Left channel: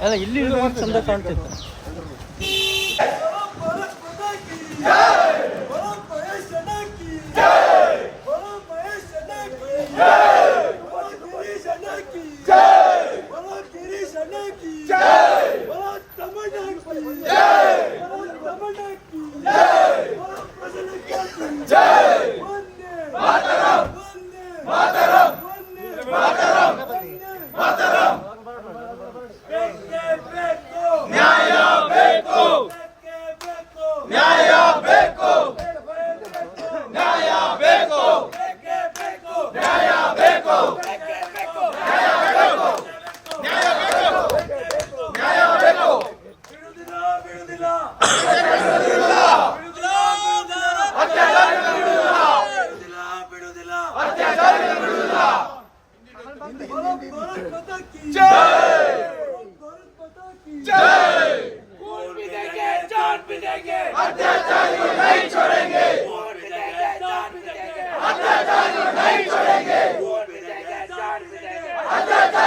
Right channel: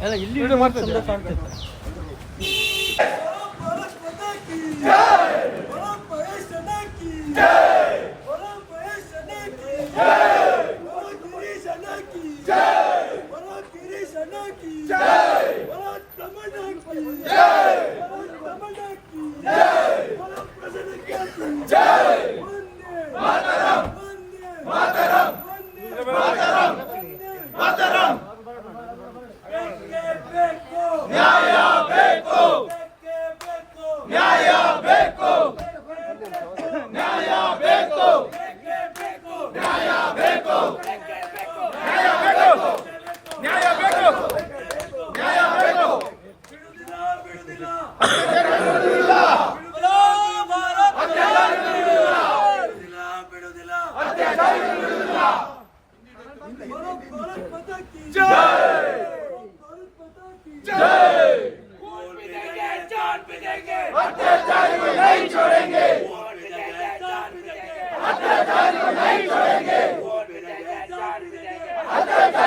ಅಲ್ಲ ಇಲ್ಲಿ out.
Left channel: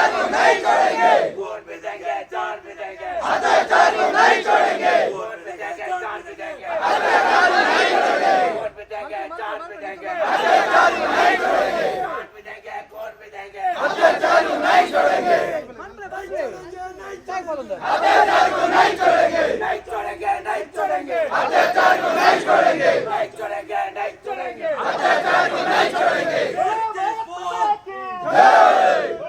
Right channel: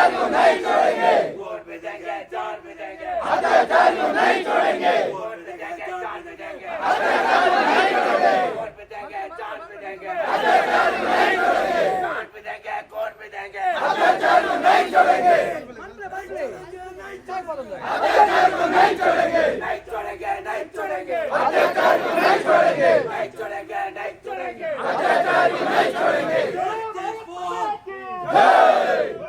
को नहीं छोड़ेंगे वोट भी देंगे जान भी देंगे अत्याचार को नहीं छोड़ेंगे वोट भी देंगे जान भी देंगे अत्याचार को नहीं छोड़ेंगे वोट भी देंगे जान भी देंगे अत्याचार को नहीं छोड़ेंगे जान भी देंगे वोट भी देंगे अत्याचार को नहीं छोड़ेंगे अत्याचार को नहीं छोड़ेंगे नहीं छोड़ेंगे नहीं छोड़ेंगे अत्याचार को नहीं छोड़ेंगे नहीं छोड़ेंगे नहीं छोड़ेंगे अत्याचार को नहीं छोड़ेंगे जय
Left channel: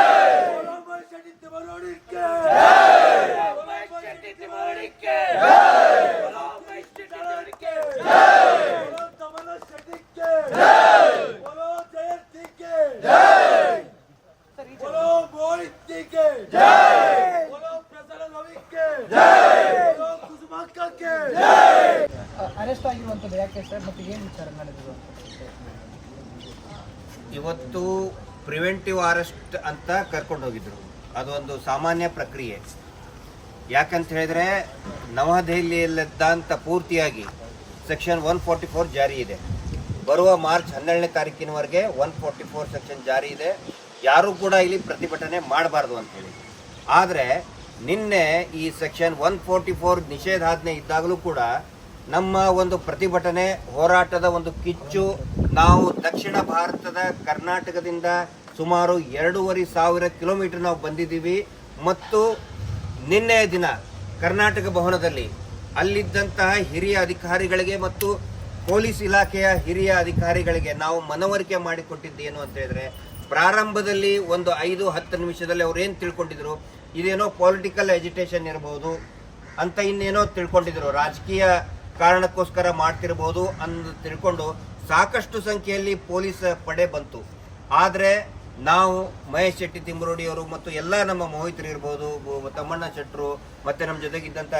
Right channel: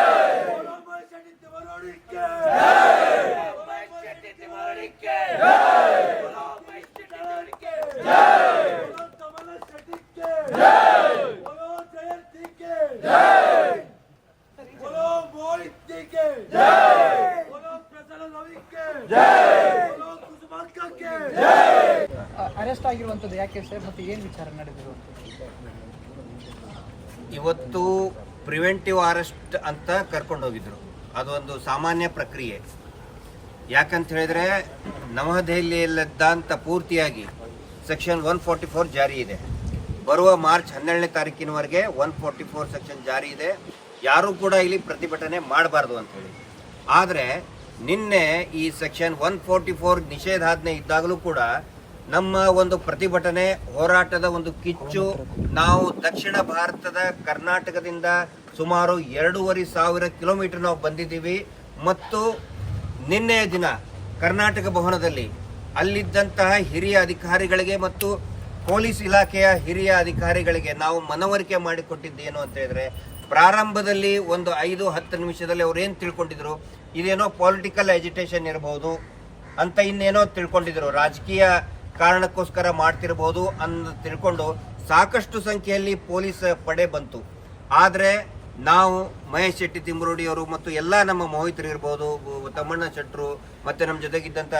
ಅರೆಸ್ಟ್ ಆಗಿರುವಂಥದ್ದು ಯಾಕೆ ಸರ್ ಮತ್ತೆ ಏನು ವಿಚಾರ ನಡೆದಿದೆ ಇವತ್ತು ಪ್ರಿವೆಂಟಿವ್ ಅರೆಸ್ಟ್ ಅಂತ ಕರ್ಕೊಂಡು ಹೋಗಿದ್ರು. ಅದೊಂದು ಸಾಮಾನ್ಯ ಪ್ರಕ್ರಿಯೆ. ಯಾಕಂತ ಹೇಳಿದ್ರೆ ನವದೆಹಲಿಯಲ್ಲಿದ್ದಂಥ ಪೂರ್ತಿಯಾಗಿ ಸೆಕ್ಷನ್ ಒನ್ ಫೋರ್ಟಿ ಫೋರ್ ಜಾರಿ ಇದೆ. ಬರುವ ಮಾರ್ಚ್ ಹನ್ನೆರಡನೇ ತಾರೀಕಿನವರೆಗೆ ಒನ್ ಫೋರ್ಟಿ ಫೋರ್ ಸೆಕ್ಷನ್ ಜಾರಿ ಇದೆ. ಯಾರೂ ಕೂಡ ಇಲ್ಲಿ ಪ್ರತಿಭಟನೆ ಮಾಡಬಾರ್ದು ಅಂತೇಳಿ ಆದರೆ ನಿನ್ನೆ ಈ ಸೆಕ್ಷನ್ ಒನ್ ಫೋರ್ಟಿ ಫೋರ್ ನಿಷೇಧಾಜ್ಞೆ ಇದ್ದಾಗಲೂ ಕೂಡ ನಮ್ಮ ಒಂದು ಪ್ರತಿಭಟನೆ ಹೋರಾಟದ ಒಂದು ಕಿಚ್ಚು ನಾವು ದಕ್ಷಿಣ ಭಾರತದ ಕರ್ನಾಟಕದಿಂದ ಸುಮಾರು ಎರಡೂವರೆ ಸಾವಿರ ಕಿಲೋಮೀಟರ್ ನಾವು ಬಂದಿದ್ದೀವಿ. ಮತ್ತು ನಿನ್ನೆಯ ದಿನ ಕರ್ನಾಟಕ ಭವನದಲ್ಲಿ ಅಲ್ಲಿದ್ದಂತಹ ಹಿರಿಯ ಅಧಿಕಾರಿಗಳಿಗೆ ಮತ್ತು ಪೊಲೀಸ್ ಇಲಾಖೆಯ ಹಿರಿಯ ಅಧಿಕಾರಿಗಳಿಗೆ ನಾವು ಮನವರಿಕೆ ಮಾಡಿಕೊಟ್ಟಿದ್ದೇನು ಅಂತ ಹೇಳಿದ್ರೆ, ಪ್ರಾರಂಭದಲ್ಲಿ ಒಂದು ಐದು ಹತ್ತು ನಿಮಿಷದಲ್ಲಿ ಅವ್ರು ಏನು ತಿಳ್ಕೊಂಡಿದ್ರು? ಇದೇನೋ ಪೊಲಿಟಿಕಲ್ ಎಜುಟೇಷನ್ ಇರಬಹುದು ಅಂತ ಇನ್ನೇನೋ ತಿಳ್ಕೊಂಡಿದ್ರು. ರಾಜಕೀಯ ಕಾರಣಕ್ಕೋಸ್ಕರ ಮಾಡ್ತಿರ್ಬೋದು ಅಂತ ತಿಳ್ಕೊಂಡು ಸಾಕಷ್ಟು ಸಂಖ್ಯೆಯಲ್ಲಿ ಪೊಲೀಸ್ ಪಡೆ ಬಂತು. ಆದರೆ ನಾವು ಮಹೇಶ್ ಶೆಟ್ಟಿ ತಿಮ್ಮರೋಡಿಯವರು ಮತ್ತು ಎಲ್ಲ ನಮ್ಮ ಮೋಹಿತರು ಇರ್ಬೋದು, ತಮ್ಮಣ್ಣ ಶೆಟ್ಟರು ಮತ್ತೆ ನಮ್ಮ ಜೊತೆಗಿದ್ದಂಥ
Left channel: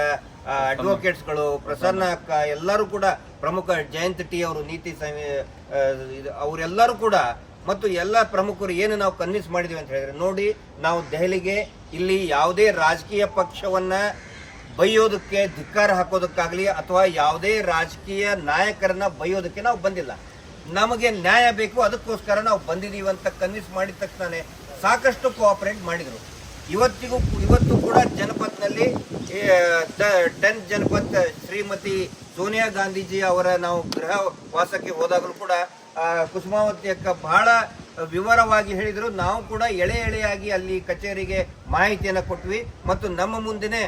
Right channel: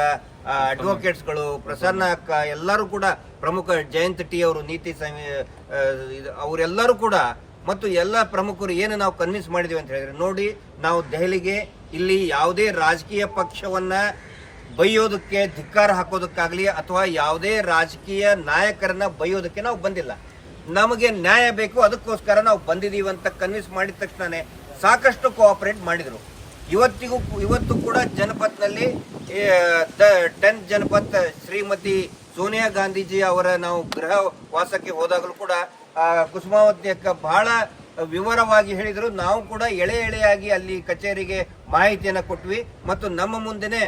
ಅಡ್ವೊಕೇಟ್ಸ್ಗಳು ಪ್ರಸನ್ನ ಅಕ್ಕ, ಎಲ್ಲರೂ ಕೂಡ ಪ್ರಮುಖ ಜಯಂತ್ ಟಿ ಅವರು, ನೀತಿ ಅವರೆಲ್ಲರೂ ಕೂಡ ಮತ್ತು ಎಲ್ಲ ಪ್ರಮುಖರು ಏನು ನಾವು ಕನ್ವಿನ್ಸ್ ಮಾಡಿದ್ವಿ ಅಂತ ಹೇಳಿದ್ರೆ ನೋಡಿ, ನಾವು ದೆಹಲಿಗೆ ಇಲ್ಲಿ ಯಾವುದೇ ರಾಜಕೀಯ ಪಕ್ಷವನ್ನ ಬೈಯೋದಕ್ಕೆ ಧಿಕ್ಕಾರ ಹಾಕೋದಕ್ಕಾಗಲಿ ಅಥವಾ ಯಾವುದೇ ರಾಜಕೀಯ ನಾಯಕರನ್ನ ಬೈಯೋದಕ್ಕೆ ನಾವು ಬಂದಿಲ್ಲ. ನಮಗೆ ನ್ಯಾಯ ಬೇಕು, ಅದಕ್ಕೋಸ್ಕರ ನಾವು ಬಂದಿದ್ದೀವಿ ಅಂತ ಕನ್ವಿನ್ಸ್ ಮಾಡಿದ ತಕ್ಷಣ ಸಾಕಷ್ಟು ಕೋಆಪರೇಟ್ ಮಾಡಿದ್ರು. ಇವತ್ತಿಗೂ ಇವತ್ತು ಕೂಡ ಜನಪತ್ನಲ್ಲಿ ಟೆನ್ ಜನಪತ್ ಶ್ರೀಮತಿ ಸೋನಿಯಾ ಗಾಂಧೀಜಿ ಅವರ ನಾವು ಗೃಹ ವಾಸಕ್ಕೆ ಹೋದಾಗಲೂ ಕೂಡ ಕುಸುಮಾವತಿ ಅಕ್ಕ ಬಹಳ ವಿವರವಾಗಿ ಹೇಳಿದರು. ನಾವು ಕೂಡ ಎಳೆ ಎಳೆಯಾಗಿ ಅಲ್ಲಿ ಕಚೇರಿಗೆ ಮಾಹಿತಿಯನ್ನು ಕೊಟ್ವಿ. ಮತ್ತು ನಮ್ಮ ಮುಂದೆನೆ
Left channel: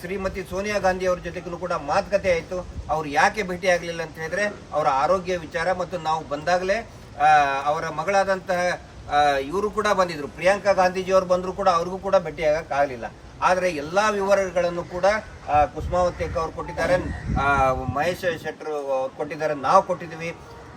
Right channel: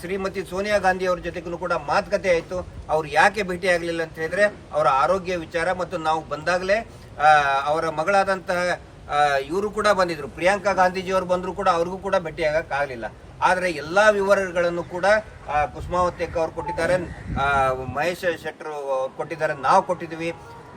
ಶ್ರೀಮತಿ ಸೋನಿಯಾ ಗಾಂಧಿ ಅವ್ರ ಜೊತೆಗೂ ಕೂಡ ಮಾತುಕತೆ ಆಯಿತು. ಅವ್ರು ಯಾಕೆ ಭೇಟಿ ಆಗಲಿಲ್ಲ ಅಂತ ಹೇಳಿದ್ರೆ ಅವರ ಆರೋಗ್ಯ ವಿಚಾರ ಮತ್ತು ನಾವು ಬಂದಾಗಲೇ ಅವರ ಮಗಳಾದಂತಹ ಇವರು ಕೂಡ ಬಂದಿದ್ರು. ಪ್ರಿಯಾಂಕಾ ಗಾಂಧೀಜಿ ಅವರು ಬಂದರೂ ಕೂಡ ಅವ್ರಿಗೂ ಕೂಡ ಭೇಟಿ ಆದರೆ ಎಲ್ಲ ವಿವರಗಳನ್ನು ಕೂಡ ಕುಸುಮಾವತೇಕ ಅವರು ಕೊಟ್ಟಿದ್ದಾರೆ. ಮಹೇಶ್ ಶೆಟ್ಟರು ಅವ್ರು ಕೊಟ್ಟಿದ್ದಾರೆ. ನಾವು ಕೊಟ್ಟಿದ್ದೀವಿ.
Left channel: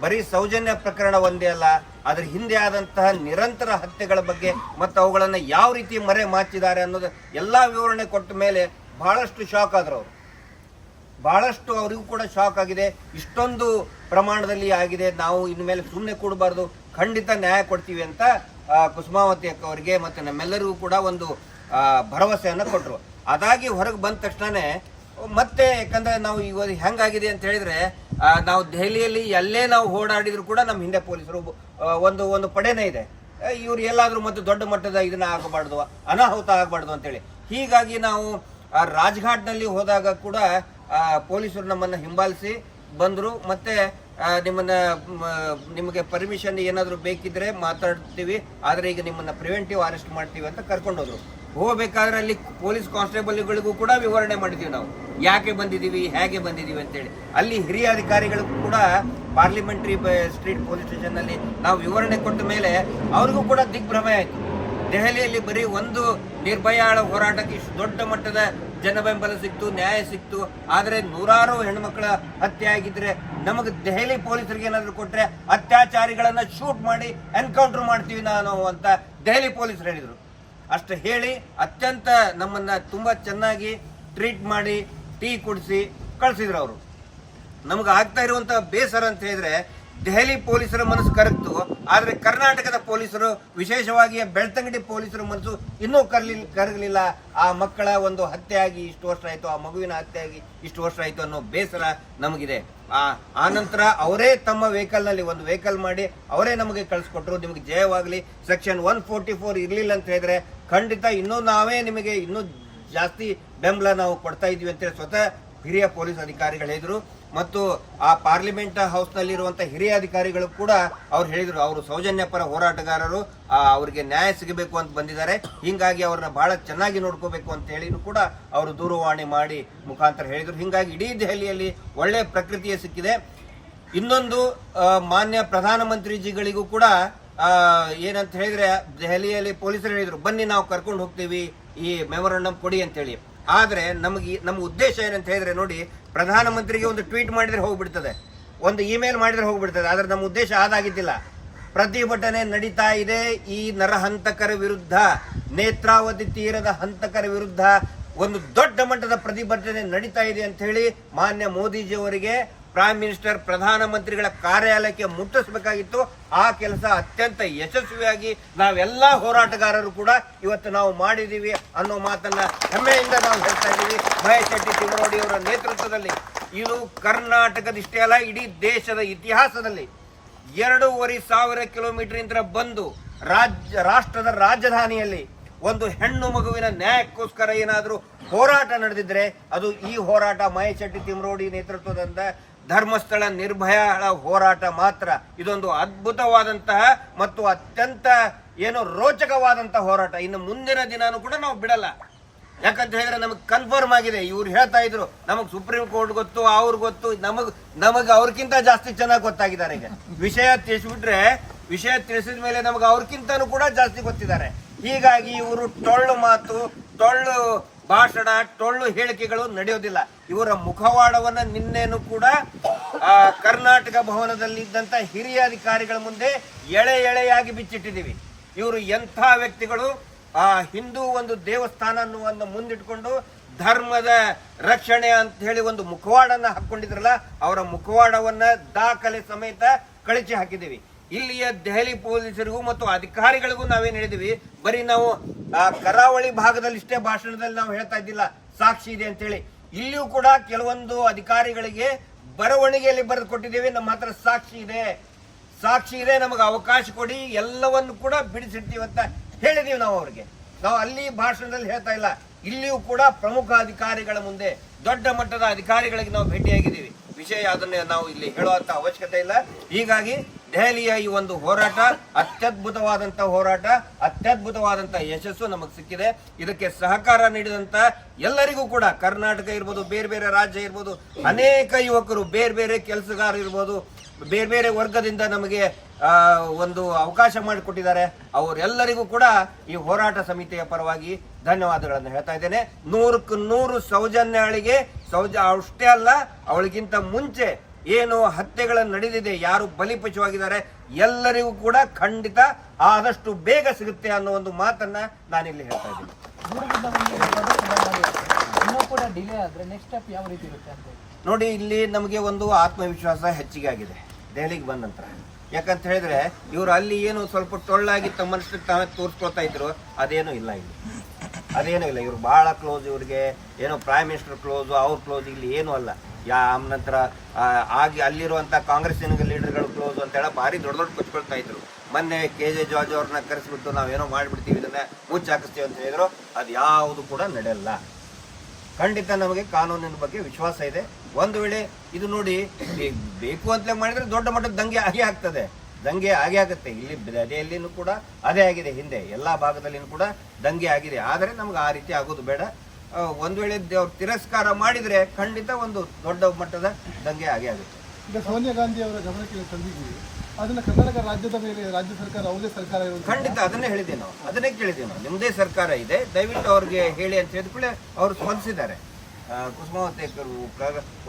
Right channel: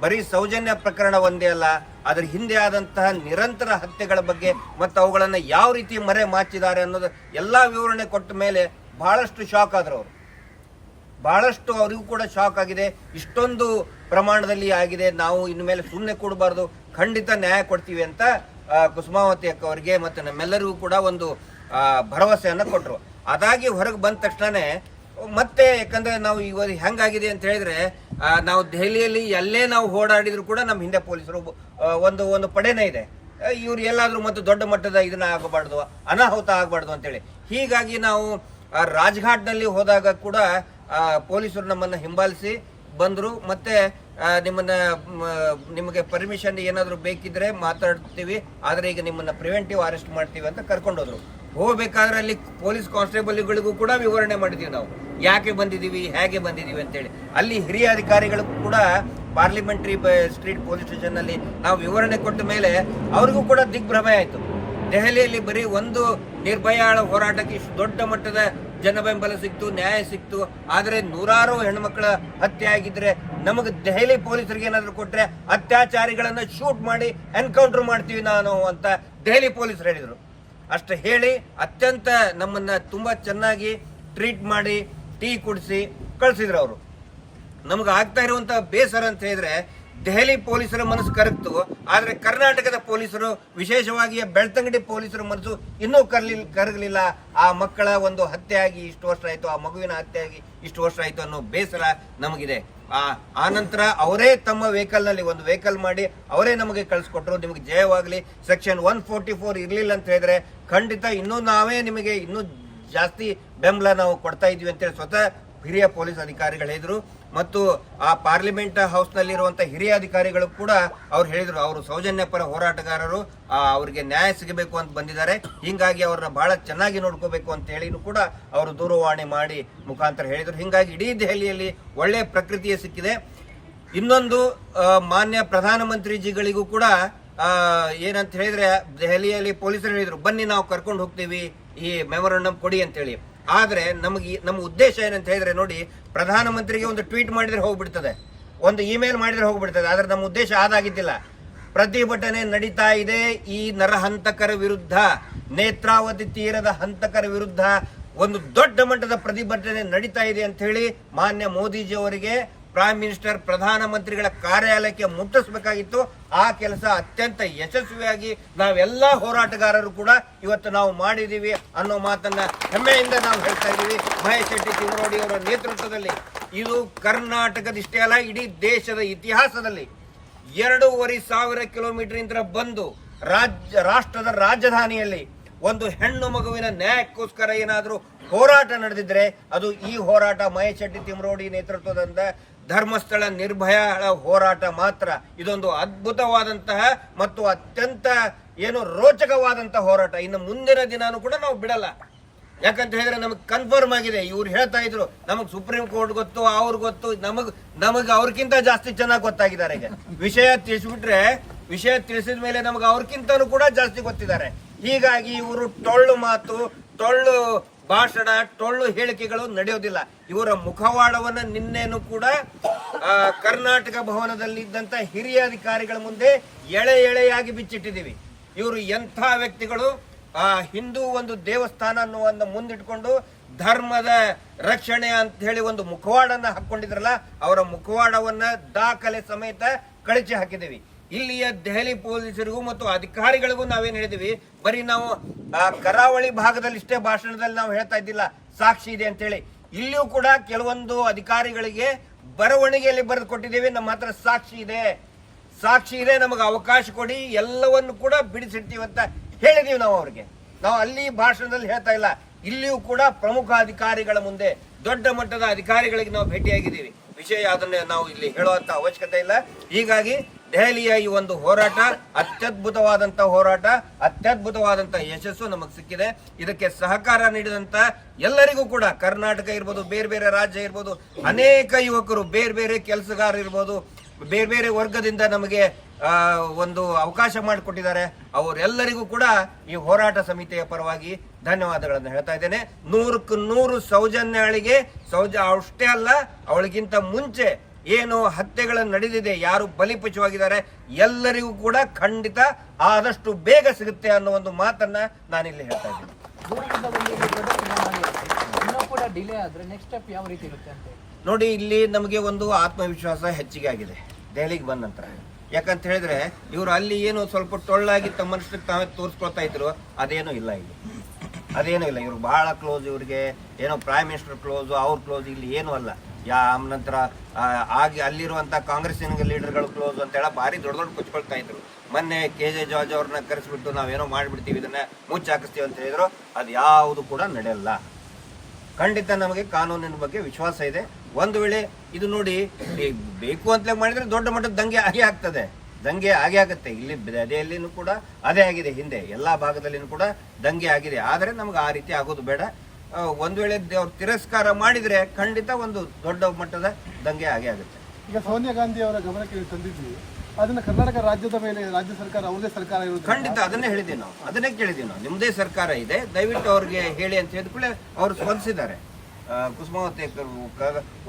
ಬರೀ ಸೌಜನ್ಯ ಪ್ರಕರಣ ಒಂದೇ ಅಲ್ಲ, ಅದರ ಹಿಂದೆ ಆದಂತಹ ನಿರಂತರ ಹತ್ಯೆಗಳ ಬಗ್ಗೆ ಮತ್ತು ಅವುಗಳನ್ನು ಯಾವ ರೀತಿ ಮರೆ ಮಾಚಿದ್ದಾರೆ ಅನ್ನೋದು ಎಲ್ಲ ವಿವರಣೆ ಕೊಟ್ಟ ಮೇಲೆ ಬಹಳಷ್ಟು ಶಾಕ್ ಆದ್ರು ಅವರು. ಬಹಳಷ್ಟು ಅವರಿಗೂ ಕೂಡ ಶಾಕ್ ಆಗಿದೆ. ಇಷ್ಟೊಂದು ಪ್ರಮಾಣದಲ್ಲಿ ಆಗಿದೆ. ನಾವು ಇನ್ನು ಮೇಲೆ ಸುಮ್ಮನೆ ಕೂಡಬಾರ್ದು. ಖಂಡಿತ ನ್ಯಾಯ ಕೊಡ್ತೀವಿ ಅಂತ ಕುಸುಮಾವತಿ ಅಕ್ಕ ಅವರಿಗೆ ಮತ್ತು ನಮ್ಮೆಲ್ಲರಿಗೂ ಕೂಡ ಒಂದು ಭರವಸೆಯನ್ನು ಕೊಟ್ಟರು ಅದಾಗಿ ಹೊರಗೆ ಬಂದ ತಕ್ಷಣನೇ, ಮತ್ತೆ ಯಾಕಂದರೆ ನಾವು ಇವಾಗ ಹೆಂಗಾಗಿದೆ ಅಂತ ಹೇಳಿದರೆ ನಾವು ದೆಹಲಿಯಲ್ಲಿ ಎಲ್ಲೇ ನಾವು ಓಡಾಡಿದ್ರು ಕೂಡ ನಮ್ಮ ಹಿಂದೆ ಪೊಲೀಸರು ಒಂದು ಒಂದು ಪಡೆನೇ ಇದೆ. ಇವರು ಎಲ್ಲಾದರೂ ಮತ್ತು ದೊಡ್ಡ ಮಟ್ಟದ ಇದನ್ನ ಆಗಬಾರ್ದು, ಅನಾಹುತ ಆಗಬಾರ್ದು ಅಂತೇಳಿ. ಹೀಗಾಗಿ ನಾವು ಆ, ರಾಜ್ಘಾಟ್ನಲ್ಲಿ ಹೋದಾಗ ಕೂಡ ಪೊಲೀಸರು ನಮ್ಮನ್ನ ಹಿಂಬಾಲಿಸಿ ಬಂದರು. ಮತ್ತೆ ನಿಮ್ಮನ್ನ ನಿಮಗೆ ಪರ್ಮಿಷನ್ ಏನಾದರೂ ಬೇಕಿದ್ರೆ ಮಾತಾಡ್ತೀವಿ. ಆದರೆ ಈಗ ನಿಮ್ಮನ್ನ ಪ್ರಿವೆಂಟಿವ್ ಅರೆಸ್ಟ್ ಮಾಡ್ತೀವಿ ಅಂತ ಕರ್ಕೊಂಡೋದ್ರು. ಹೋಗಬೇಕಾದ್ರೆ ಅಲ್ಲಿ ಪೊಲೀಸ್ ಕಾನ್ಸ್ಟೇಬಲ್ಗಳಿಗೂ ಕೂಡ ವಿವರಣೆ ಮಾಡಿದೀವಿ ನಾವು. ಯಾಕೆ ಬಂದಿದೀವಿ ಹೇಗೆ ಬಂದಿದೀವಿ ಅಂತೇಳಿ. ಅಲ್ಲಿ ಹಿರಿಯ ಅಧಿಕಾರಿಗಳಿಗೂ ಕೂಡ ಪಾರ್ಲಿಮೆಂಟ್ರಿ ಸ್ಟ್ರೀಟ್ ಪೊಲೀಸ್ ಸ್ಟೇಷನ್ನಲ್ಲಿ ನಾವು ವಿವರಣೆ ಕೊಟ್ಟ ಮೇಲೆ ಅವ್ರಿಗೂ ಕೂಡ ದಿಗ್ಭ್ರಮೆ ಆಯ್ತು. ದೆಹಲಿಯಲ್ಲಿ ಬರೀ ಒಂದು ನಿರ್ಭಯಾಳ ಹೋರಾಟಕ್ಕೆ ಇಷ್ಟು ದೊಡ್ಡ ಮಟ್ಟದ ಜನಬೆಂಬಲ ಸಿಕ್ತು, ನ್ಯಾಯ ಸಿಕ್ತು. ಆದರೆ ನೂರಾರು ಹೆಣ್ಮಕ್ಳ ಹತ್ಯೆ ಆಗಿದ್ರೆ ನಮಗೆ ದೆಹಲಿ ಪೊಲೀಸರಿಗೆ ಏನಾದರೂ ಕೊಟ್ರೆ ಅತ್ಯಾಚಾರಿಗಳನ್ನ ಶೂಟ್ ಮಾಡಿ ಎನ್ಕೌಂಟರ್ ಮಾಡ್ತೀವಿ ನಾನು ಅಂತ ದೆಹಲಿ ಪೊಲೀಸರು ಹೇಳಿದ್ರು. ಅಷ್ಟು ಹೇಳಿ, ಅತ್ಯಂತ ನಮ್ಮನ್ನ ತುಂಬಾ ಚೆನ್ನಾಗಿ ಟ್ರೀಟ್ ಮಾಡಿ, ಟೀ ಕುಡಿಸಿ ಕಳಿಸಿದ್ರು ಅವರು. ನಮಗೆ ಆಗ್ತಾ ಇರುವಂತ ಬೇಸರ ಅಂತ ಹೇಳಿದ್ರೆ ದೆಹಲಿ ಪೊಲೀಸರ ಮನಸ್ಸು ಕರಗ್ತು. ಆದ್ರೆ ಕರ್ನಾಟಕದ ಪೊಲೀಸರು, ವಿಶೇಷವಾಗಿ ಬೆಳ್ತಂಗಡಿ ಪೊಲೀಸರ ಮನಸ್ಸು ಇನ್ನೂ ಕರ್ಲಿ, ಕರಗಲಿಲ್ಲ. ಆ ಮಕ್ಕಳ ಒಂದು ಹತ್ಯೆ ಆಗಿ ಇಷ್ಟು ವರ್ಷ ಆಯ್ತು, ಆ ಮಗುವಿನ ಹತ್ಯೆ ಆಗಿ ಇಷ್ಟು ವರ್ಷ ಆಯ್ತು ಅನ್ನೋ ಬೇಸರ ನಮಗಿದೆ. ಆ ಆ ನಂತರ ಅವರೇ ತಮ್ಮ ವೆಹಿಕಲ್ನಲ್ಲಿ ಒಂದು ವೆಹಿಕಲ್ ಮಾಡಿ ಅವರೇ ನಮಗೆ ಕಳಿಸ್ಕೊಟ್ರು. ನಿಮಗೆ ಜಯವಾಗಲಿ. ಸೆಕ್ಷನ್ ಒನ್ ಫೋರ್ಟಿ ಫೋರ್ ಇರಲಿಲ್ಲ ಅಂತ ಹೇಳಿದ್ರೆ ಖಂಡಿತ ಇನ್ನೂ ನಾವೇ ನಿಮಗೆ ಇನ್ನೂ ಜಾಸ್ತಿ ಬೆಂಬಲ ನಾವು ಕೊಡ್ತಾ ಇದ್ದೀವಿ ಅಂತೇಳಿ ಸ್ವತಃ ಹಿರಿಯ ಪೊಲೀಸ್ ಅಧಿಕಾರಿಗಳು ಹೇಳಿದ್ರು. ಮತ್ತು ಆ ಪಾರ್ಲಿಮೆಂಟ್ ಹೌಸ್ನಲ್ಲಿರುವಂಥ ಹಿರಿಯ ಅಧಿಕಾರಿಗಳು ಕೂಡ ಅವ್ರು ಹೇಳಿದರು, ಅವರು ಸೌಜನ್ಯ ಪರ ಹೋರಾಟಗಾರರು ಅವರಿಗೆ ನ್ಯಾಯ ಸಿಗಬೇಕು ಅಂತ ಬಂದಿದ್ದಾರೆ. ಹಿಂಗಾಗಿ ಅವ್ರನ್ನ ಬಹಳ ಚೆನ್ನಾಗಿ ನೋಡ್ಕೋಬೇಕು ಅಂತ ಹೇಳಿನೂ ಕೂಡ ಅವರು ದೂರವಾಣಿ ಮಾಡಿ ಮುಖಾಂತರ ಹೇಳಿದರು. ಹಿಂಗಾಗಿ ಇಡೀ ದೆಹಲಿಯಲ್ಲಿ ಒಳ್ಳೆ ಪ್ರಕೃತಿಯೇ ಸಿಕ್ಕಿದೆ. ಇನ್ನೊಂದು ಮಾನ್ಯ ಪ್ರಧಾನಮಂತ್ರಿಜಿಗಳಿಗೂ ಕೂಡ ಏನಂತ ಹೇಳಿದ್ರೆ ದೆಹಲಿಯಲ್ಲಿ ಪೊಲೀಸರು ಹೇಳಿದರು, ಬನ್ನಿ ನಾವು ಕರ್ಕೊಂಡು ಹೋಗ್ತೀವಿ, ಈ ಮೆಮೊರಂಡಮ್ ಕೊಡಿ ಅಂತೇಳಿ. ಆದ್ರೆ ನಮಗೆ ನಮ್ಮ ಉದ್ದೇಶ ಏನಂತ ಹೇಳಿದ್ರೆ ನೋಡಿ, ಪ್ರಧಾನಮಂತ್ರಿಗೆ ಒಂದು ಟ್ವೀಟ್ ಮಾಡಿದ್ರೆ ಹೋಗ್ಬಿಡ್ತದೆ. ಒಂದು ಇಮೇಲ್ ಮಾಡಿದ್ರೆ ಹೋಗ್ಬಿಡ್ತದೆ. ಆದ್ರೆ ನಮ್ಮ ಉದ್ದೇಶ ಅದಾಗಿದ್ದಿಲ್ಲ. ಪ್ರತಿಭಟನೆ ನಡೀತಾ ಇದೆ ಈ ನರಹಂತಕರ ವಿರುದ್ಧ. ನೇತ್ರಾವತಿ ತೀರದ ಹಂತಕರ ವಿರುದ್ಧ ಒಂದು ದೊಡ್ಡ ಮಟ್ಟದ ಪ್ರತಿಭಟನೆ ನಡೀತಾ ಇದೆ ಅಂತ ಹೇಳಿ ಮಾನ್ಯ ಮೋದಿಜಿ ಅವರಿಗೆ ಪ್ರೈಮ್ ಮಿನಿಸ್ಟರ್ ಪ್ರಧಾನಮಂತ್ರಿಗಳ ಕಾರ್ಯಾಲಯಕ್ಕೆ ಮುಟ್ಟಿಸಬೇಕಾಗಿತ್ತು. ಆ ಕೆಲಸ ಅತ್ಯಂತ ಯಶಸ್ವಿಯಾಗಿ ನಾವೆಲ್ಲ ಹೋರಾಟಗಾರರು ಕೂಡ ಇವತ್ತು ನಾವು ಮಾಡಿದ್ದೀವಿ ಅನ್ನೋ ಮಾತನ್ನ ಹೆಮ್ಮೆಯಿಂದ ನಾವು ಹೇಳ್ತಾ ಇದ್ದೀವಿ. ಮಹೇಶ್ ಶೆಟ್ಟಿ ತಿಮ್ಮರೋಡಿ ಅವರ ನೇತೃತ್ವದಲ್ಲಿ ಇದು ಕರ್ನಾಟಕದಿಷ್ಟೇ ಅಲ್ಲ, ಇಡೀ ದೇಶದ ಇತಿಹಾಸದಲ್ಲಿ ಎರಡೂವರೆ ಸಾವಿರ ಕಿಲೋಮೀಟರ್ ಬಂದು ರಾಜ್ಯ, ರಾಷ್ಟ್ರದ ರಾಜಧಾನಿಯಲ್ಲಿ ಒಂದು ಹೆಣ್ಣು ಮಗುವಿನ ನ್ಯಾಯಕ್ಕೋಸ್ಕರ ಏನಾದರೂ ಹೋರಾಟ ನಡೆದಿದ್ರೆ ಅದು ಈ ಹೋರಾಟ ಮಹೇಶ್ ಶೆಟ್ಟಿ ತಿಮ್ರೋಡಿ ನೇತೃತ್ವದಿಂದ ಧರ್ಮಸ್ಥಳ ನಿರ್ಭಯ ಹೋರಾಟ ಮಾತ್ರ. ಇದೊಂದು ಅದ್ಭುತವಾದಂತಹ ಮತ್ತು ಅತ್ಯಂತ ಏನು ರೋಚಕವಾದಂತಹ ಹೋರಾಟ. ಇನ್ನು ಮುಂದಿನ ದಿನಾನು ಕೂಡ ನಾವು ಬಿಡಲ್ಲ. ಯಾಕಂತ ಹೇಳಿದ್ರೆ ನಮಗೆ ಕನ್ಫರ್ಮ್ ಆಗಿದೆ. ಇವ್ರು ಹೇಳ್ತಾ ಇದ್ರು, ನಮಗೆ ಸುಪ್ರೀಂ ಕೋರ್ಟ್ ಗೊತ್ತು, ಅವ್ರು ಗೊತ್ತು, ನಮಗ್ ನಮಗ್ ಅವ್ರಕ್ಕಿಂತ ಜಾಸ್ತಿ ಚೆನ್ನಾಗಿ ಗೊತ್ತಾಗಿದ್ದಾರೆ ಈಗ. ವಿಷಯ ತಿಳಿಸ್ಬಿಟ್ರೆ, ವಿಷಯ ತಿಳಿಸಿದ ಮೇಲೆ ನಮಗೆ ಅವ್ರಕ್ಕಿಂತನೂ ಕೂಡ ಜಾಸ್ತಿ ಗೊತ್ತಿದ್ದಾರೆ. ಹೀಗಾಗಿ ಇವರು ಟೊಳ್ಳು ಮಾತು ಟೊಳ್ಳು ಭಾಷಣ, ಟೊಳ್ಳು ಹೇಳಿಕೆಗಳು ನಡೆಯೋದಿಲ್ಲ ಇವರ ಮುಖವಾಡವನ್ನ ನಿನ್ನೆನು ಕೂಡ ಕರ್ನಾಟಕ ಭವನದಲ್ಲಿದ್ದಂತ ಹಿರಿಯ ಅಧಿಕಾರಿಗಳ ಮುಂದೆ ಎಳೆ ಎಳೆಯಾಗಿ ಬಿಚ್ಚಿಟ್ಟಿದ್ದೀವಿ. ಇವರು ಎಂಥ ವ್ಯಕ್ತಿಗಳು? ಆ, ಹಿಂದೂ ಒಂದು ದೇವಸ್ಥಾನ ಅನ್ನುವನ್ನು ಮುಂದಿಟ್ಕೊಂಡು ಧರ್ಮದ ರಕ್ಷಣೆ ಅಂತ ಹೇಳಿ ಒಂದು ಮುಖವಾಡನ್ನ ಹಾಕೊಂಡಿದ್ರಲ್ಲ ಅವರ ಮುಖವಾಡವನ್ನ ದಾಖಲೆ ಸಮೇತ ಕಳಚಿ ಹಾಕಿದ್ದೀವಿ. ಇಲ್ಲಿಯ ದೆಹಲಿ ಪೊಲೀಸರಿಗೂ ಮತ್ತು ಅಧಿಕಾರಿಗಳಿಗೂ ನಾವೇನು ಹೇಳಿದೀವಿ, ಬರೀ ನಾವು ಕರಾವಳಿ ಭಾಗದಲ್ಲಿ ಇಷ್ಟೇ ಭಾಷಣದಲ್ಲಿ ನಾವು ಹೇಳ್ತಾ ಇದ್ದಿಲ್ಲ, ಸಾಕ್ಷಿ ಇದೆ ಅಂತ ಹೇಳಿ ಇಲ್ಲಿಯೂ ಕೂಡ ಕೆಲವೊಂದು ಅಧಿಕಾರಿಗಳಿಗೆ ಬರವಣಿಗೆಯಲ್ಲಿ ಬರೆದು ಕೊಟ್ಟಿದ್ದೀವಿ, ನಮ್ಮ ಹತ್ರ ಸಾಕ್ಷಿ ಇದೆ. ಸಾಕ್ಷಿ ಇದೆ, ನಮಗೆ ಅವಕಾಶ ಕೊಡಿ, ಎಲ್ಲವನ್ನು ಕೂಡ ಬಿಡಿಸಿಡ್ತೀವಿ ಅಂತ ಹೇಳಿದೀವಿ ನಾವು ಅವ್ರಿಗೆ. ನಾವು ಅಲ್ಲಿ ಭಾಷಣದಲ್ಲಿ ಹೇಳ್ತಾ ಇಲ್ಲ, ಇಲ್ಲಿಯೂ ಕೂಡ ಪ್ರಮುಖ ಅಧಿಕಾರಿಗಳ ಮುಂದೆ, ದೊಡ್ಡ ಮಟ್ಟದ ಅಧಿಕಾರಿಗಳಿಗೆ ನಾವು ಭೇಟಿಯಾಗಿದ್ದೀವಿ. ವಿಷಯ ಅದನ್ನೇ ನಾವು ಇಲ್ಲಿ ಹೇಳುವಂತ ಅವಶ್ಯಕತೆ ಇಲ್ಲ. ಹೀಗಾಗಿ ದೆಹಲಿಯ ಈ ಒಂದು ಹೋರಾಟ, ಅತ್ಯದ್ಭುತವಾದಂತ ಹೋರಾಟ, ಅತ್ಯದ್ಭುತವಾದಂತ ಯಶಸ್ಸು ನಮಗೆ ಸಿಕ್ಕಿದೆ. ಇದಕ್ಕೆ ಸಹಕಾರ ನೀಡಿದಂತ ಎಲ್ಲರಿಗೂ ಕೂಡ, ಕರ್ನಾಟಕ ಇರ್ಬೋದು, ಬೇರೆ ಬೇರೆ ರಾಜ್ಯ ಇರ್ಬೋದು, ಅನೇಕ ಯುವಕರು ಬೇರೆ ಬೇರೆ ಕೆಲಸಗಾರ ಇರ್ಬೋದು, ಬೇರೆ ಬೇರೆ ವರ್ಗದಿಂದ ನಮಗೆ ಒಂದು ಅವಕಾಶ ಮಾಡಿಕೊಟ್ಟಿದ್ದಾರೆ. ಅವರೆಲ್ಲರಿಗೂ ಕೂಡ ಈ ಹೋರಾಟ ಸಮಿತಿಯ ಪರವಾಗಿ ಧನ್ಯವಾದಗಳನ್ನು ಹೇಳ್ತಾ ಇದ್ದೇನೆ. ನೂರಕ್ಕೆ ನೂರು ಸೌಜನ್ಯಾಳಿಗೆ ಸೌಜ, ಅಷ್ಟೇ ಅಲ್ಲ, ಅವಳಿಗಿಂತ ಮುಂಚೆ ಏನು ಹತ್ಯೆಗಳು ನಡೆದಿದೆ, ಯಾರು ಬಲಿಪಶುವಾಗಿದ್ದಾರೆ, ಎಲ್ಲರಿಗೂ ಕೂಡ ಖಂಡಿತ ಆದಷ್ಟು ಬೇಗ ಸಿಗುತ್ತೆ ಅನ್ನೋ ಒಂದು ಮಾತನ್ನ ನಾನಿಲ್ಲಿ ಹೇಳ್ತಾ ಇದ್ದೀನಿ. ನೋಡಿ, ಇಲ್ಲಿ ನಮಗೆ ಒಂದು ಆತ್ಮವಿಶ್ವಾಸ ಹೆಚ್ಚಿಗೆ ಆಗಿದೆ, ದೆಹಲಿಗೆ ಬಂದ ನಂತರ. ಯಾಕಂತ ಹೇಳಿದ್ರೆ, ಇವರು ಅಲ್ಲಿ ಏನು ಸ್ವಲ್ಪ ಟೊಳ್ಳಾಗಿ ತಮ್ಮಷ್ಟಕ್ಕೆ ತಾವೇ ತೋರಿಸ್ಕೊಳ್ತಾ ಇದ್ರು, ಅದೇನೂ ಇಲ್ಲ ಇಲ್ಲಿ. ಅದೇನೂ ಇಲ್ಲ, ಇವ್ರು ಬಹಳ ಕ್ಲೋಸ್ ಇವ್ರಿಗೆ, ಏನೋ ಪ್ರೈಮ್ ಮಿನಿಸ್ಟರ್ ಕ್ಲೋಸು ಅವ್ರ ಕ್ಲೋಸ್ ಇಲ್ಲಿ ಏನೂ ಅಲ್ಲ. ಯಾ ನಂತರ ಆಗಿ ಅಲ್ಲಿರುವಂತ ಕಾಂಗ್ರೆಸ್ಸಿನ ಲೀಡರ್ಗಳು ಕ್ಲೋಸ್ ಅಂತ ಹೇಳಿ ಭಾರಿ ದೊಡ್ಡ ದೊಡ್ಡ ಕೊಚ್ಕೊಳ್ತಾ ಇದ್ರು. ಮೊನ್ನೆ ಕೆ ಜೆ ಜಾರ್ಜ್ ಅವ್ರನ್ನ ಕರೆಸ್ಬಿಟ್ಟು ನಾವೇನೋ ಮಾಡ್ಬಿಡ್ತೀವಿ, ಇದನ್ನ ಮುಚ್ಚಾಕಿಸ್ತೀವಿ ಅಂತ ಹೇಳಿದ್ರು. ಅದು ಯಾವುದು ಕೂಡ ನಡೆಯಲ್ಲ. ಖಂಡಿತ ನಮಗೆ ಕಾನೂನಿನ ಬಗ್ಗೆ ವಿಶ್ವಾಸ ಇದೆ. ಒಂದು ವೇಳೆ ಇದು ನೋಡಿ ಬೇಕು ಅಂತಲೇ ಮಾಡಿದ್ರೆ ದೊಡ್ಡ ಮಟ್ಟದ ದಂಗೆ ಆಗೇ ಆಗ್ತದೆ. ದಂಗೆ ಆಗೇ ಆಗುತ್ತೆ. ಇಲ್ಲಿ ದೆಹಲಿಯಲ್ಲಿನೂ ಕೂಡ ಅದೇ ಆಗಿದೆ ಹಿಂದೆ. ಎಲ್ಲಾ ಭಾಗದಲ್ಲಿನೂ ಕೂಡ ದಂಗೆ ಆಗಿದೆ. ಆದರೆ ನಮ್ಗೆ ಆ ರೀತಿ ಆಗೋದು ಬೇಡ. ಒಂದ್ ವೇಳೆ ಅವ್ರು ತಿರಸ್ಕಾರ ಮಾಡಿದ್ರೆ ಖಂಡಿತ ಒಂದು ದೊಡ್ಡ ಮಟ್ಟದ ದಂಗೆ ಆಗೇ ಆಗುತ್ತೆ. ಈಗ ಸೋನಿಯಾ ಗಾಂಧಿ ಅವರ ಗಮನಕ್ಕೆ ತಂದಿದ್ದೀವಿ. ಅದನ್ನ ಕರ್ನಾಟಕ ರಾಜ್ಯದ ಮೇಲೆ ರಾಜ್ಯ ಸರ್ಕಾರ ಅವರದೇ ಸರ್ಕಾರ ಇರೋದು ಖಂಡಿತ ಅದನ್ನೇ ಹೇಳಿದ್ದೀವಿ ನಾವು. ಅದನ್ನೇ ಕೇಳಿದ್ದೀವಿ ನಾವು. ನಿಮ್ಮದೇ ಸರ್ಕಾರ ಇದೆ. ದಯವಿಟ್ಟು ಅವ್ರಿಗೆ ಹೇಳಿ ಅಂತ ಹೇಳಿದ ಕೂಡಲೇ ಅವರು ಸ್ಪಂದಿಸಿದ್ದಾರೆ. ಕುಸುಮಾವತಿ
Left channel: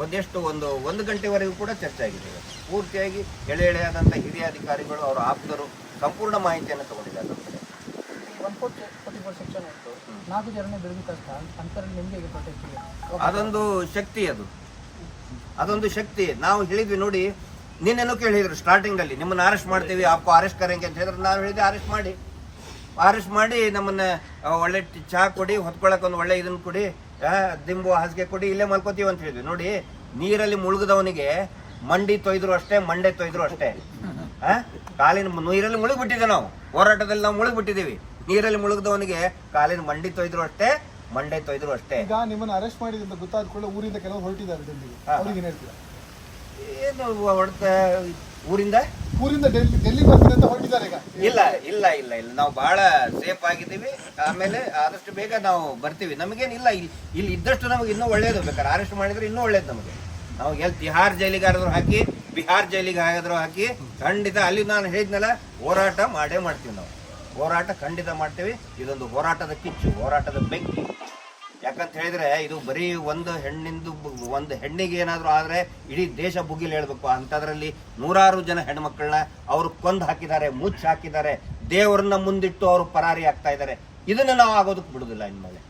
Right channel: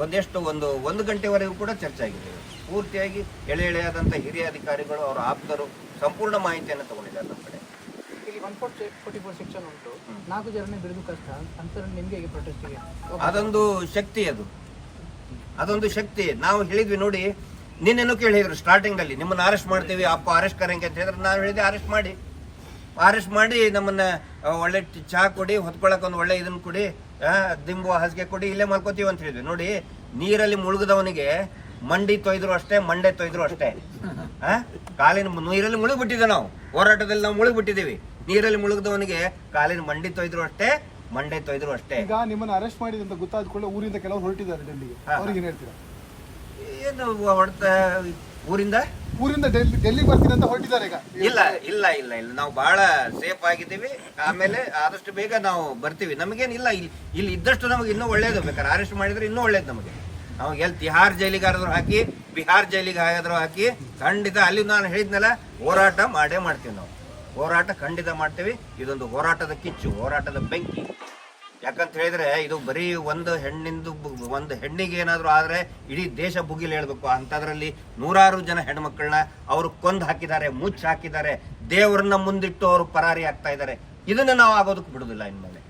ಒಂದೆಷ್ಟು ಒಂದು ಒಂದು ಗಂಟೆವರೆಗೂ ಕೂಡ ಚರ್ಚೆ ಆಗಿದೆ ಪೂರ್ತಿಯಾಗಿ ಎಳೆ ಎಳೆಯಾದಂಥ ಹಿರಿಯ ಅಧಿಕಾರಿಗಳು ಅವರ ಆಪ್ತರು ಸಂಪೂರ್ಣ ಮಾಹಿತಿಯನ್ನು ತಗೊಂಡಿದ್ದಾರೆ ನಮ್ಮ ಕಡೆ. ಅದೊಂದು ಶಕ್ತಿ ಅದು. ಅದೊಂದು ಶಕ್ತಿ. ನಾವು ಹೇಳಿದ್ವಿ ನೋಡಿ, ನಿನ್ನೆನೂ ಕೇಳಿದ್ರು ಸ್ಟಾರ್ಟಿಂಗ್ ಅಲ್ಲಿ ನಿಮ್ಮನ್ನ ಅರೆಸ್ಟ್ ಮಾಡ್ತೀವಿ ಅಪ್ಪ ಅರೆಸ್ಟ್ ಕರೆಂಗೆ ಅಂತ ಹೇಳಿದ್ರೆ. ನಾನು ಹೇಳಿದೆ ಅರೆಸ್ಟ್ ಮಾಡಿ. ಅರೆಸ್ಟ್ ಮಾಡಿ, ನಮ್ಮನ್ನ ಒಳ್ಳೆ ಚಹಾ ಕೊಡಿ ಹೊತ್ಕೊಳಕ್ ಒಂದು ಒಳ್ಳೆ ಇದನ್ನ ಕೊಡಿ ದಿಂಬು, ಹಾಸಿಗೆ ಕೊಡಿ, ಇಲ್ಲೇ ಮಲ್ಕೋತೀವಿ ಅಂತ ಹೇಳಿದ್ವಿ. ನೋಡಿ, ನೀರಲ್ಲಿ ಮುಳುಗದವನಿಗೆ ಮಂಡಿ ತೊಯ್ದ್ರು ಅಷ್ಟೇ, ಮಂಡೆ ತೊಯ್ದ್ರು ಅಷ್ಟೇ? ಕಾಲಿನ ನೀರಲ್ಲಿ ಮುಳುಗ್ಬಿಟ್ಟಿದ್ದೆ ನಾವು. ಹೋರಾಟದಲ್ಲಿ ನಾವು ಮುಳುಗ್ಬಿಟ್ಟಿದೀವಿ ನೀರಲ್ಲಿ ಮುಳುಗದವನಿಗೆ ಕಾಲಿನ ಮಂಡಿ ತೊಯ್ದ್ರು ಅಷ್ಟೇ ಮಂಡೆ ತೊಯ್ದ್ರು ಅಷ್ಟೇ. ಈಗ ನಿಮ್ಮನ್ನ ಅರೆಸ್ಟ್ ಮಾಡಿದಂತ ಅಂತ ಗೊತ್ತಾದ ಕೂಡಲೇ ಊರಿಂದ ಕೆಲವು ಹೊರಟಿದ್ದಾರೆ ಡೆಲ್ಲಿಗೆ. ಹಾ. ಅವ್ರಿಗೆ ಏನ್ ಹೇಳ್ತೀರಾ? ಏನು ಹೊಡ್ತ ಊರಿಂದ? ಊರಿಂದ ಡೆಲ್ಲಿ ಡೆಲ್ಲಿ ಬರ್ತೀನಿ ಅಂತ ಹೊರಟಿದ್ದಾರೆ ಈಗ. ಇಲ್ಲ ಇಲ್ಲ ಇಲ್ಲ ಇಲ್ಲ. ನಾವು ಬಹಳ ಸೇಫ್ ಆಗಿದ್ದೀವಿ. ಆಮೇಲೆ ಆದಷ್ಟು ಬೇಗ ನಾವು ಬರ್ತೀವಿ. ನಮಗೇನಿಲ್ಲ ಇಲ್ಲಿ ಇಲ್ಲಿ ಇದ್ದಷ್ಟು ನಮಗೆ ಇನ್ನೂ ಒಳ್ಳೇದು ಬೇಕಾದ್ರೆ. ಅರೆಸ್ಟ್ ಮಾಡಿದ್ರೆ ಇನ್ನೂ ಒಳ್ಳೇದು ನಮಗೆ. ನಾವು ಎಲ್ಲಿ ತಿಹಾರ್ ಜೈಲಿಗೆ ಆದ್ರೂ ಹಾಕಿ ಬಿಹಾರ್ ಜೈಲಿಗೆ ಹಾಕಿ ಖಂಡಿತ ಅಲ್ಲಿ ನಾನು ಹೇಳಿದ್ನಲ್ಲ ಹೋರಾಟ ಮಾಡೇ ಮಾಡ್ತೀವಿ ನಾವು. ಹೋರಾಟ ಖಂಡಿತ ಮಾಡ್ತೀವಿ. ಇದೊಂದು ಹೋರಾಟದ ಕಿಚ್ಚು, ಹೋರಾಟದ ಬೆಂಕಿ. ಯಾಕಂತ ಹೇಳಿದ್ರೆ ಇದು ಬರೀ ಒಂದು ಹೆಣ್ಣಿಂದು ಒಂದು ಹೆಣ್ಣಿಗೆ ಏನಾದರೂ ಆದರೆ ಇಡೀ ದೇಶ ಬುಗಿಲ್ ಹೇಳಬೇಕು. ಅಂಥದ್ರಲ್ಲಿ ನೂರಾರು ಜನ ಹೆಣ್ಮಕ್ಳನ್ನ ಅವರು ಕೊಂದು ಹಾಕಿದ್ದಾರೆ, ಮುಚ್ಚಿ ಹಾಕಿದ್ದಾರೆ. ದೇವರನ್ನ ಮುಂದಿಟ್ಟು ಅವರು ಪರಾರಿ ಆಗ್ತಾ ಇದ್ದಾರೆ. ಇದನ್ನ ನಾವು ಆಗೋದಕ್ಕೆ ಬಿಡೋದಿಲ್ಲ ಇನ್ಮೇಲೆ.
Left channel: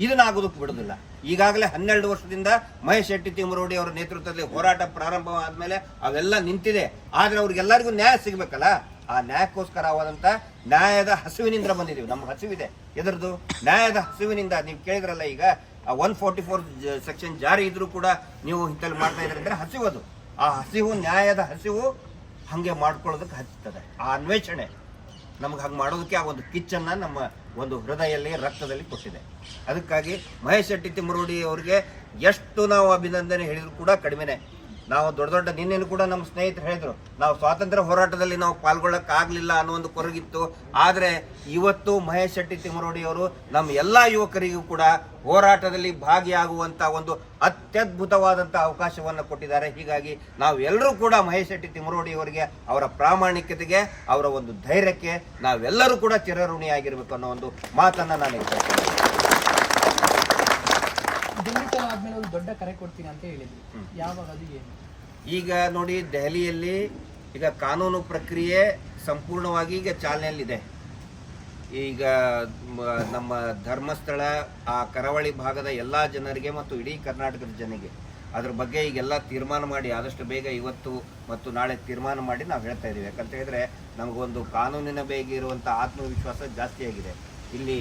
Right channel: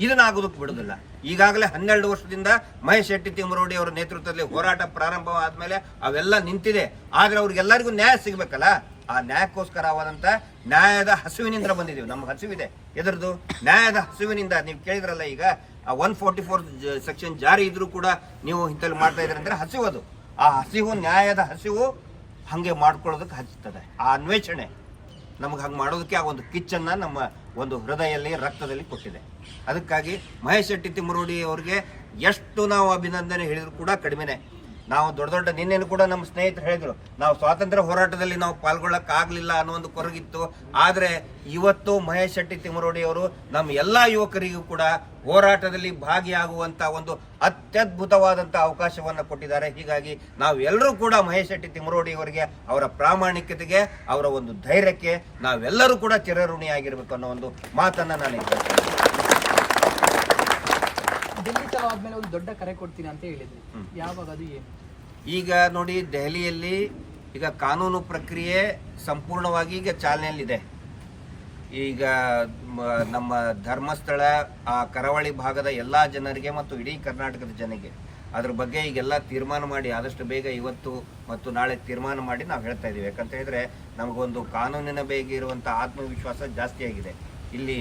ಇದನ್ನ ಆಗೋದಕ್ಕೆ ಬಿಡೋದಿಲ್ಲ. ಈಗಾಗಲೇ ಹನ್ನೆರಡು ವರ್ಷದಿಂದ ಮಹೇಶ್ ಶೆಟ್ಟಿ ತಿಮ್ಮರೋಡಿ ಅವರ ನೇತೃತ್ವದಲ್ಲಿ ಹೋರಾಟ ಪ್ರಾರಂಭವಾದ ಮೇಲೆ ಅವೆಲ್ಲ ನಿಂತಿದೆ. ಆದರೆ ಅವ್ರಿಗೆಲ್ಲರಿಗೂ ನ್ಯಾಯ ಸಿಗ್ಬೇಕಲ್ಲ? ಆ ನ್ಯಾಯಕ್ಕೋಸ್ಕರವಾದಂಥ ನ್ಯಾಯದ ಹಸುವಿನಿಂದ ಬಂದಿದ್ದೀವಿ. ನಮ್ಮ ಹಸುವಿದೆ. ಎದರದು ನ್ಯಾಯದ ಹಸುವಿನಿಂದ ನೀವು ಕೇಳಿದ್ರಲ್ಲ ಈಗ ಒನ್ ಫೋರ್ಟಿ ಫೋರ್ ಸೆಕ್ಷನ್ ಜಾರಿ ಇದ್ರೂ ಕೂಡ ನೀವು ಇಂಥಲ್ಲಿ ಮಾಡ್ತಾ ಇದ್ರೆ ಅಂದ್ರೆ ಹಸಿವು ಅದು. ಆ ಹಸಿವು, ನ್ಯಾಯದ ಹಸಿವು ಹಂಗೆ ಮಾಡ್ಕೊಳ್ಳೋದಕ್ಕೆ ಹಚ್ಚುತ್ತದೆ. ಆ ಅನ್ವೇಷಣೆ ನಮ್ಗೆ ಹಂಗೆ ಮಾಡೋದಕ್ಕೆ ಆ ಒಂದು ಕಿಚ್ಚನ್ನು ನಮ್ಮ ಒಂದು ಹೃದಯದಲ್ಲಿ, ರಕ್ತದಲ್ಲಿ ಕೊಟ್ಟಿದೆ. ಅದಕ್ಕಾಗಿ ಮಹೇಶ್ ಶೆಟ್ಟಿ ತಿಮ್ಮರೋಡಿ ಅವರಿಗೆ ಎಷ್ಟು ನಾವು ಅಭಿನಂದನೆ ಹೇಳಿದ್ರು ಕೂಡ ಕಡಿಮೆನೆ. ನಾವು ದೊಡ್ಡ ದೊಡ್ಡ ನಿನ್ನೆನು ಕೂಡ ನಮ್ಮ ಸ್ನೇಹಿತರು ಹೇಳಿದ್ರು ನಾವು ಸ್ವಾತಂತ್ರ್ಯ ಹೋರಾಟದಲ್ಲಿ ನಾವು ಪಾಲ್ಗೊಳ್ಳೋಕ್ಕಾಗಲಿಲ್ಲ ಆಗ್ಲಿಲ್ಲ ಅನ್ನೋ ಒಂದು ಕೊರಗಿತ್ತು. ಆದ್ರೆ ಇವತ್ತು ಮಹೇಶ್ ಶೆಟ್ಟಿ ತಿಮ್ಮರೋಡಿ ಅವರು ನಮ್ಮ ಎಲ್ಲಾ ಯುವಕರಿಗೂ ಕೂಡ ಹೋರಾಟದಲ್ಲಿ ಭಾಗಿಯಾಗುವಂತ ಒಂದು ಅತ್ಯದ್ಭುತವಾದಂಥ ಅವಕಾಶವನ್ನು ಕೊಟ್ಟಿದ್ದಾರೆ. ಹೀಗಾಗಿ ನಾವು ಎಲ್ಲರೂ ಕೂಡ ಮಹೇಶ್ ಶೆಟ್ಟಿ ತಿಮ್ಮರೋಡಿ ಅವರಿಗೆ ಅವರ ಪ್ರಾಮಾಣಿಕತೆಗೆ ಅವರ ಒಂದು ಧೈರ್ಯಕ್ಕೆ ನಾವೆಲ್ಲರೂ ಕೂಡ ಚಿರಋಣಿಯಾಗಿರ್ಬೇಕು ಅನ್ನೋ ಒಂದು ಮಾತನ್ನ ನಾನು ಆದ್ಮೇಲೆ ಒಂದು ದೊಡ್ಡ ಕರೆ ಕೊಡ್ತೀನಿ ಅಂತ ಹೇಳಿದ್ರು. ಯಾವಾಗ ಅದು ಏನು? ಈಗ ನೋಡಿ ದೆಹಲಿಯಲ್ಲಿ ಈಗ ಕಾನೂನು ಪ್ರಕ್ರಿಯೆ ಸಂಪೂರ್ಣವಾಗಿ ಈಗ ಚಾಲನೆಯಲ್ಲಿದೆ. ಈಗ ನಮ್ಮ ಧರ್ಮಸ್ಥಳ, ಆ ಕರಾವಳಿ ಭಾಗದ ಎಲ್ಲ ಜನರಿಗೆ ಮತ್ತು ಇಡೀ ಕರ್ನಾಟಕದ ಜನರಿಗೆ ಅದ್ರ ಬಗ್ಗೆ ಈಗೆಲ್ಲ ತೀರ್ಮಾನ ಮಾಡಿ, ಆದಷ್ಟು ಬೇಗ ಇವತ್ತು ಮತ್ತು ನಾಳೆ ತೀರ್ಮಾನ ಮಾಡಿ ನಾವು ಹೇಳ್ತಾ ಇದ್ದೀವಿ. ಯಾಕಂತ ಹೇಳಿದ್ರೆ ನಮಗೊಂದು ಕಾನೂನಿನ ಬೇಗ ಇರುವಂಥ ಆತ್ಮವಿಶ್ವಾಸ ಜಾಸ್ತಿ ಆಗಿದೆ. ಇಲ್ಲಿ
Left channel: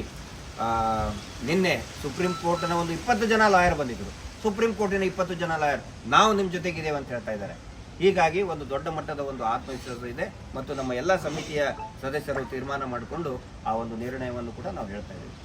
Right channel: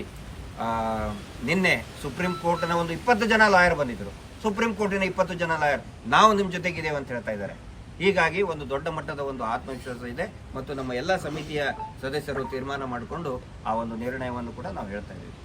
ನಿನ್ನೆ ಸುಪ್ರೀಂ ಕೋರ್ಟ್ನ ಒಂದು ಇಪ್ಪತ್ತು ಜನ ಲಾಯರ್ ಬಂದಿದ್ರು. ಸುಪ್ರೀಂ ಕೋರ್ಟಿನ ಇಪ್ಪತ್ತು ಜನ ಲಾಯರ್ ನಾವು ನಿಮ್ಮ ಜೊತೆಗಿದ್ದೇವೆ ಅಂತ ಹೇಳ್ತಾ ಇದ್ದಾರೆ. ಹೀಗಾಗಿ ಒಂದು ದೊಡ್ಡ ಮಟ್ಟದ ಒಂದು ಆತ್ಮವಿಶ್ವಾಸ ಇದೆ ಮತ್ತು ನಮ್ಮ ಎಲ್ಲ ಸಮಿತಿಯ ಸದಸ್ಯರು ತೀರ್ಮಾನ ಮಾಡಿಕೊಂಡು ಆ ಒಂದು ನಿರ್ಣಯವನ್ನು ಕೂಡ ನಾವು ಹೇಳ್ತಾ ಇದ್ದೀವಿ.